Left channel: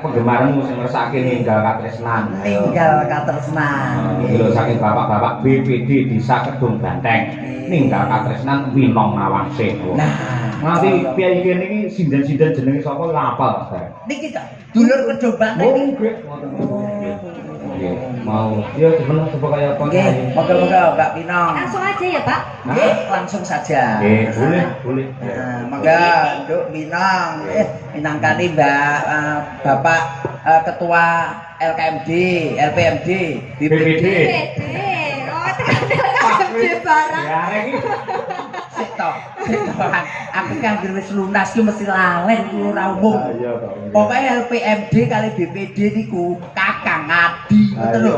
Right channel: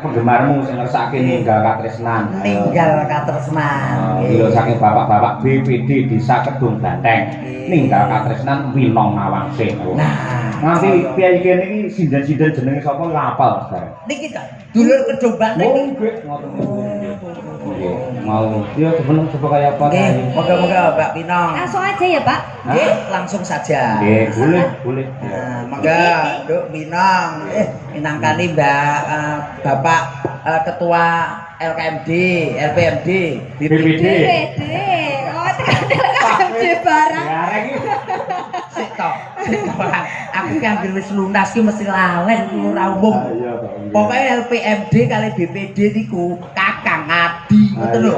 penggemarmu sing ngersake ninggal katresnan. Ninggal katresnan. Lho saking bapak-bapak BPD Desa Kedung Banteng. Ninggal katresnan Winong Nawangse. Nah, nanti piye kene iki sinden-sinden jenenge sapa lapal bareng. Niki kok dulur Kedung Banteng niki. Mau ya sebenarnya coba kayak apa ayo. Moga-moga Mbak Pinong. Langsung aja ya, Pak. Nggih, langsung saja. Nggih, boleh. Nah, mangga Nduk Pinong. Minangkani Mbak Bapak Ketua LKMD, LPMD, BPD. Oh, LKMD barang. Ya rek iki. Sik tok. Aku kan wis lunas ki mesti lalen ora umum. Iya kok. Pokoke LPMD kali BPD niku kakang adi ngoten lho.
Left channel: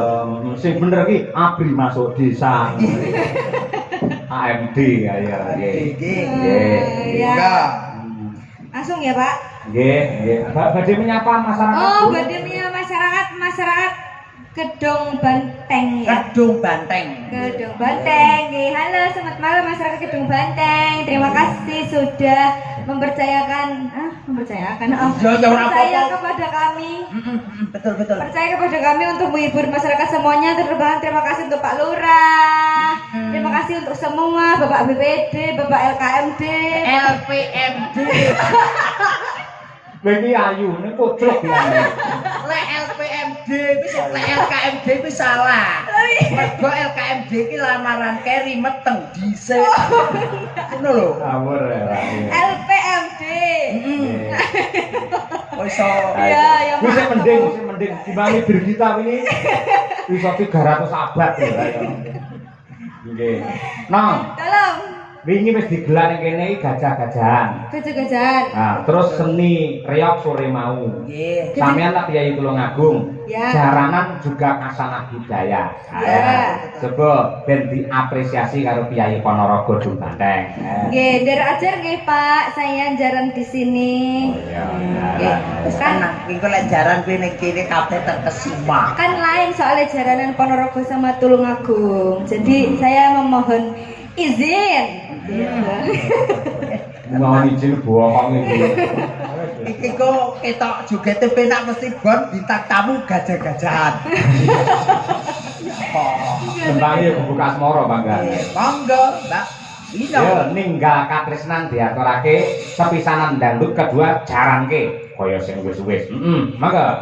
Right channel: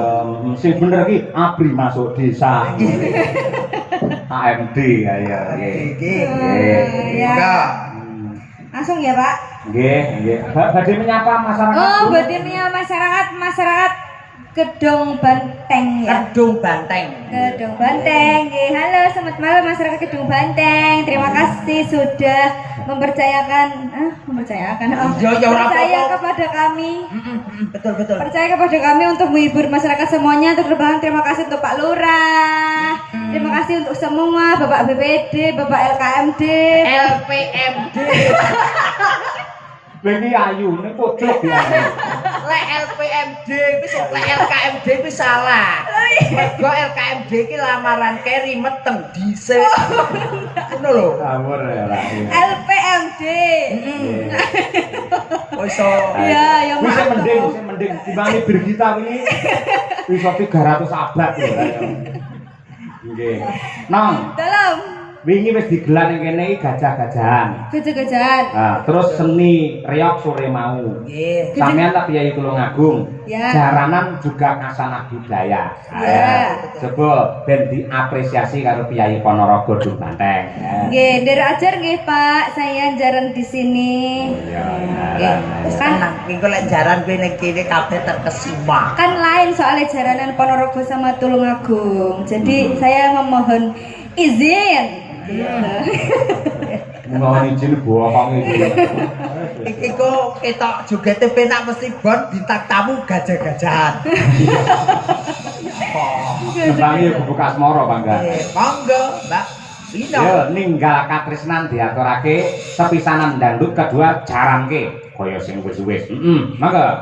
Sing bener iki abri masuk desa. AMD ya Nggih. Ya. Langsung ya, Pak. Nggih. Badhe menyapa masyarakat. Oh, badhe menyapa masyarakat Kedung Banteng ya. Kedung Banteng. Kedung Banteng. Halo, selamat malam masyarakat Kedung Banteng. Terima kasih sudah mempercayakan percaya kepada kami. Betul. Percaya kepada kami untuk menghibur masyarakat semuanya. Terima kasih untuk Pak Lurah. Terima kasih untuk semua Bapak BPD, Bapak LKMD, LPMD. Iki ayune pucuk ya. Lek LPMD wis lek LKMD wis salah. Mergo LKMD iki lamaran keri meteng dhisik. Ngono lho. Ngawur ya ra. LPMD. Wis iso. Ya, Wis mending dibanding Birgita wingi. Iso 300 abad ya. Nggih. Nang. Dalam Wingi wis digelar ning kene iki gajah-gajahan. gajah-gajahan. Nah, terus seni reok sore mau. Nggih. Sampeyan lah Kyai Tulungagung. Ya. Jaranan juga kasanah budaya. Ya. Coba ben diapresiasi karo Kyai Ponorogo Dung Banteng. Nggih, der ajar nggih Pak, saya jaran di sini. Iya. Wis tenang, iku lek jaran kuwi ning kene kabeh terkesima. Kan lain soalnya jaranan Ponorogo sama Tulungagung. Jadi saya memohon izin. Mohon izin bohong iki. Iki kok ketok jogete penak mesti bon bintang tamu gajah-gajahan. Tembang iki buka asmara Bangga. Monggo, Mbak. Ya ninggal katresnan diaturake sepisanan dangdut kedua jaranke kaya sing wis-wis. Mangga.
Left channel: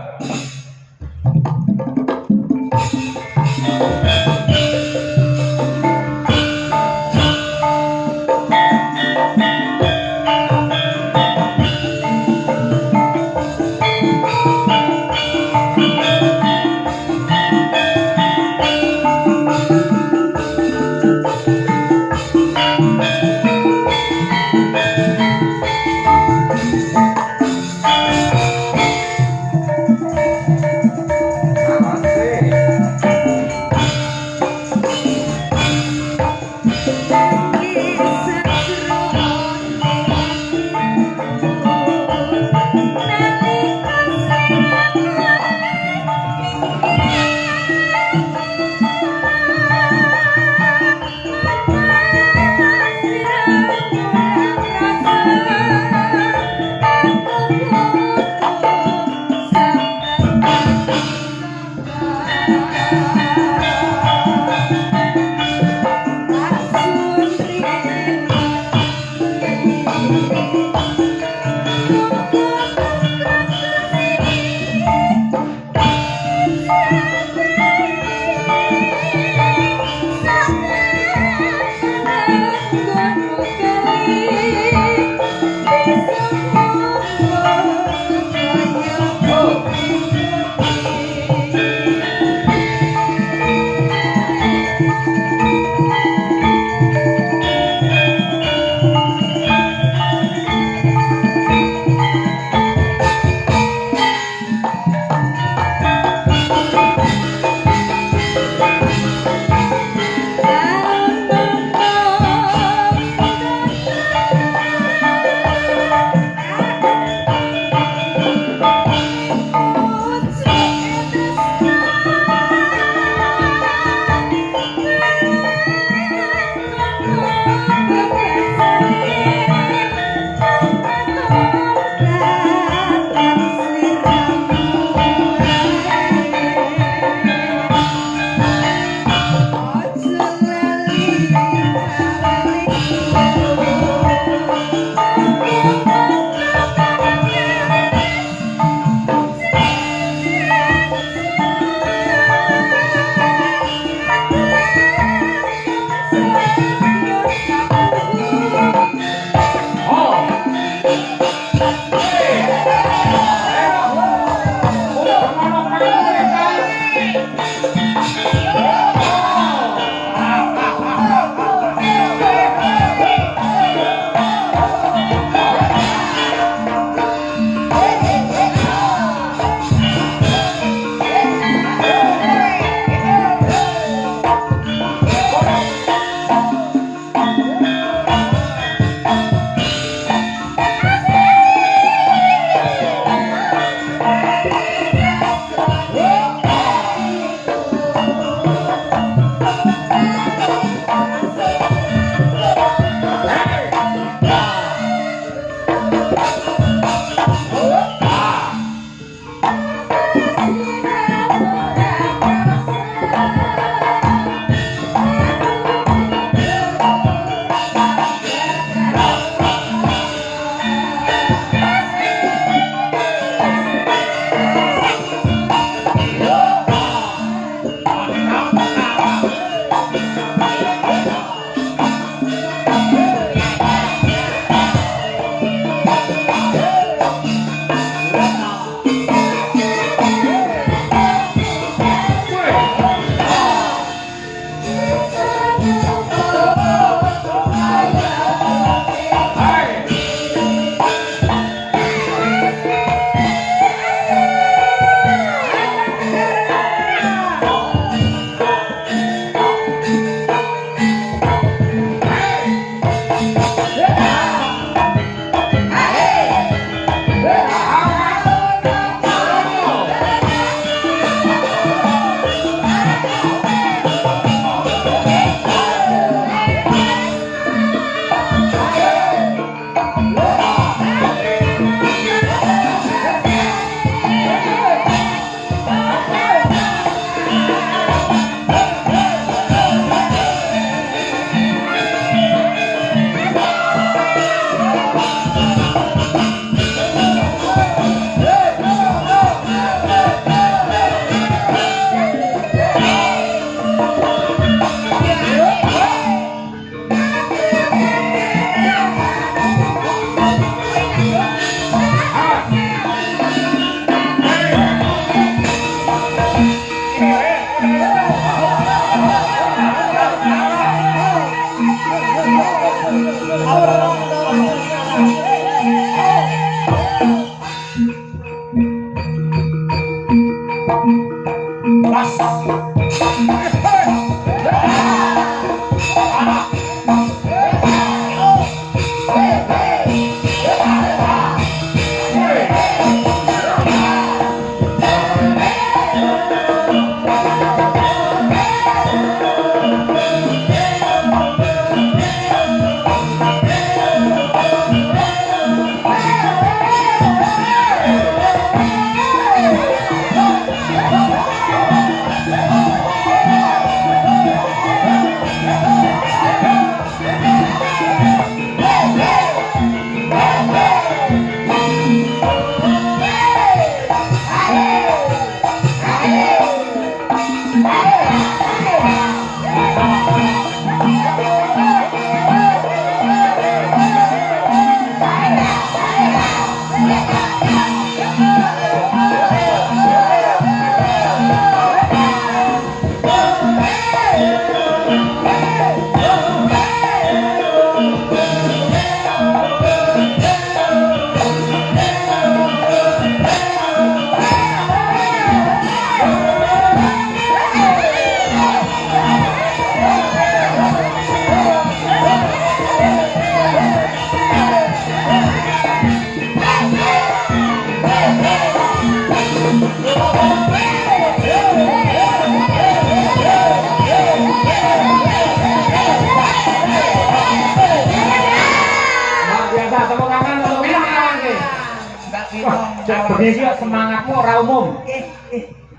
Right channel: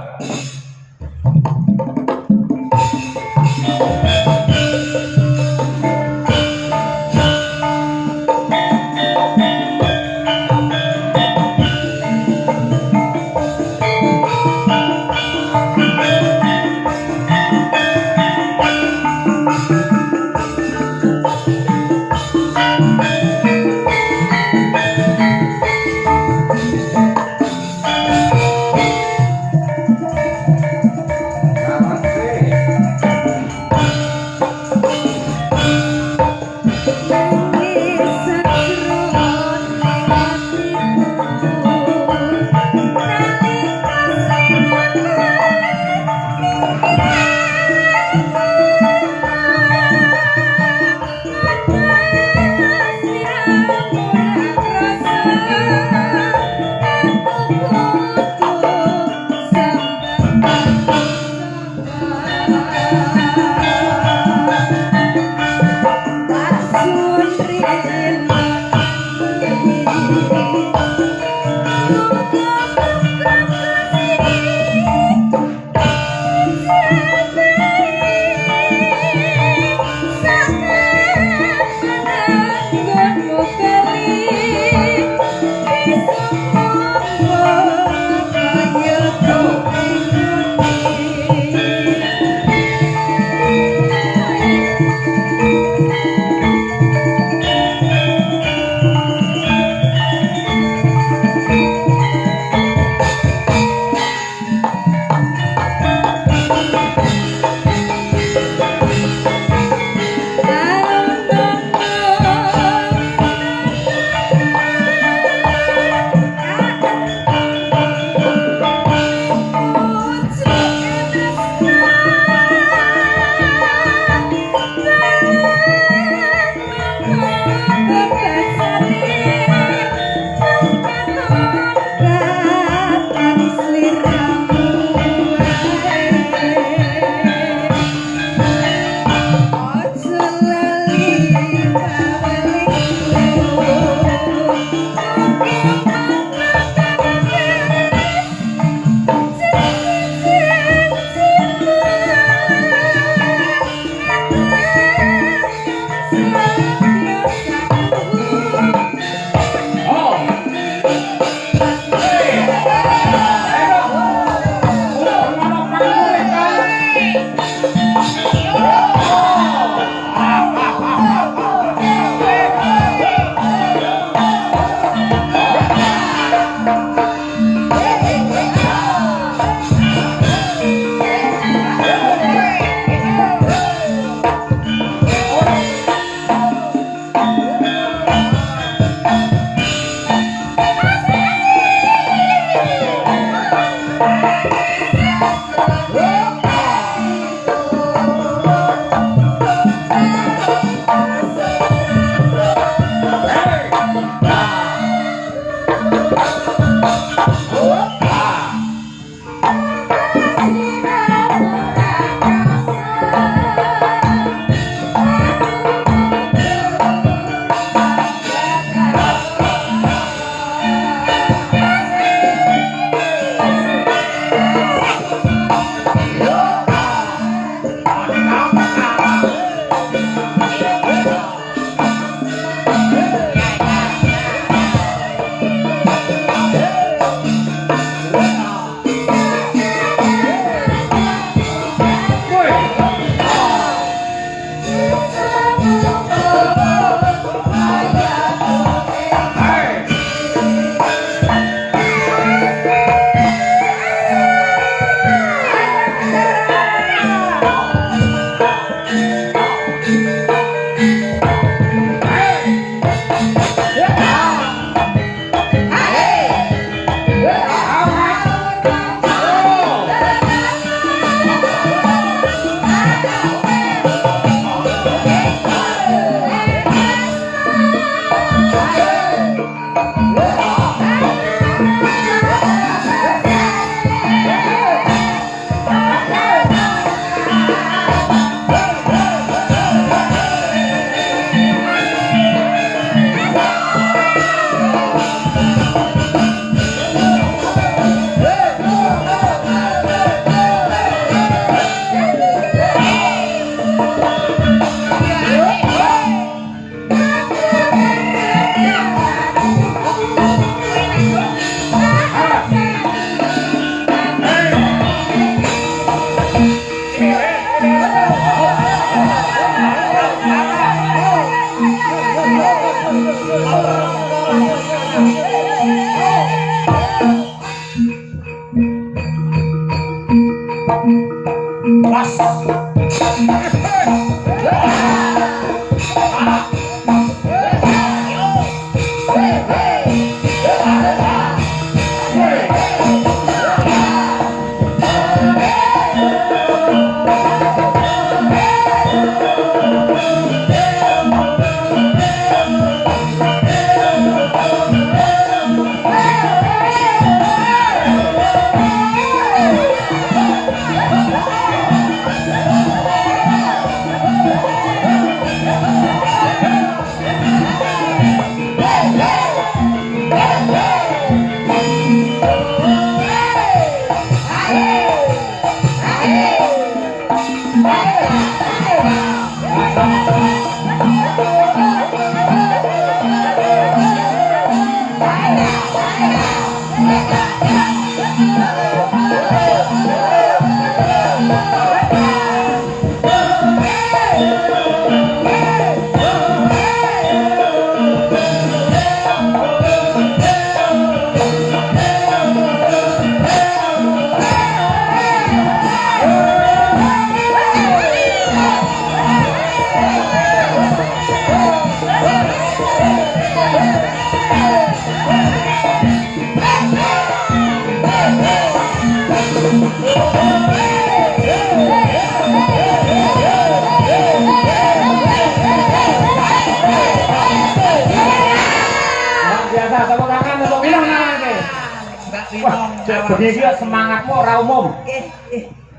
Begini semangatmu ora umum.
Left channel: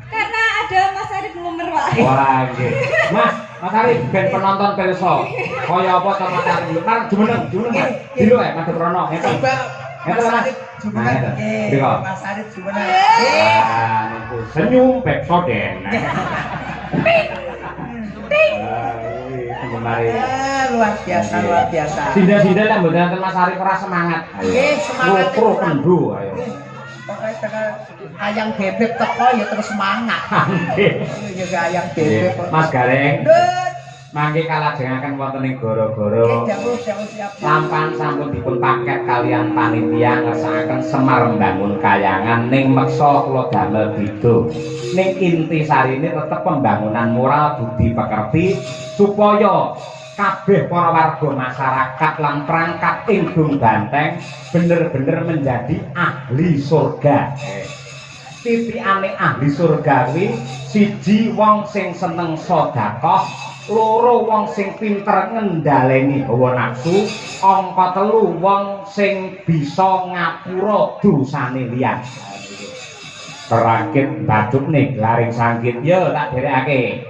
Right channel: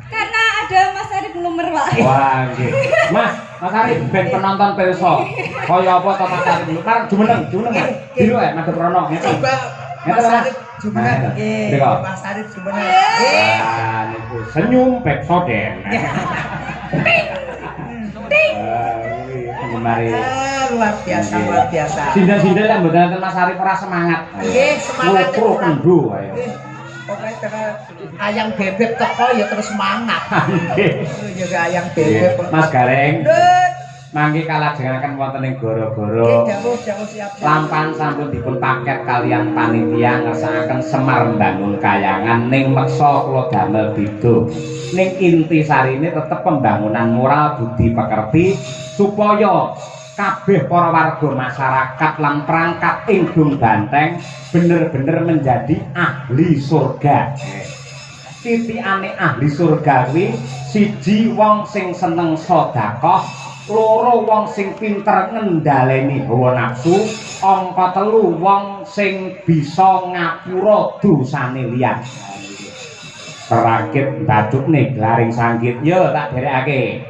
Karena ada Mas Arif Lumer, Pak. Wah, nggih. Mas Arif ben penonton pirsa. Kaya apa to Mas Arif? Marang jumeneng. Dilo madhep rono. Ngeten. Mas Arif jumeneng. Nggih. Mas Arif jumeneng. Ah, niku senyum Pepsodent. Kemari. Luar biasa. Sindel-sindel lah mboten enten Mas Arif ora semangat. Nggih, semangat. Ngopro kendo ayo. Pokoknya dengan ayang bebek teko ya terus semangat. Nggih. Ya ayang bebek. Mas Gareng. Mangke kalajengaken wonten ing gara-gara Dawuh siap. lampan sampun dipun paket kalian panitia ngersakaken Semar mbangun kayangan ning meksa kula damel beda. Ning inti sarine tetep pembangunan moral budi pekerti supaya kabeh para warga masyarakat lan perangkat ing Dung Banteng bener-bener menjadi ahli surga. titikane ahli surgawi siji wong sing seneng sedekah, loro wong sing pinter ngendhaleni hawa nafsu, angka telu wong sing bisa ngapura dosane liyan. Rakit baduk nih laring sangkit yo tak derekake.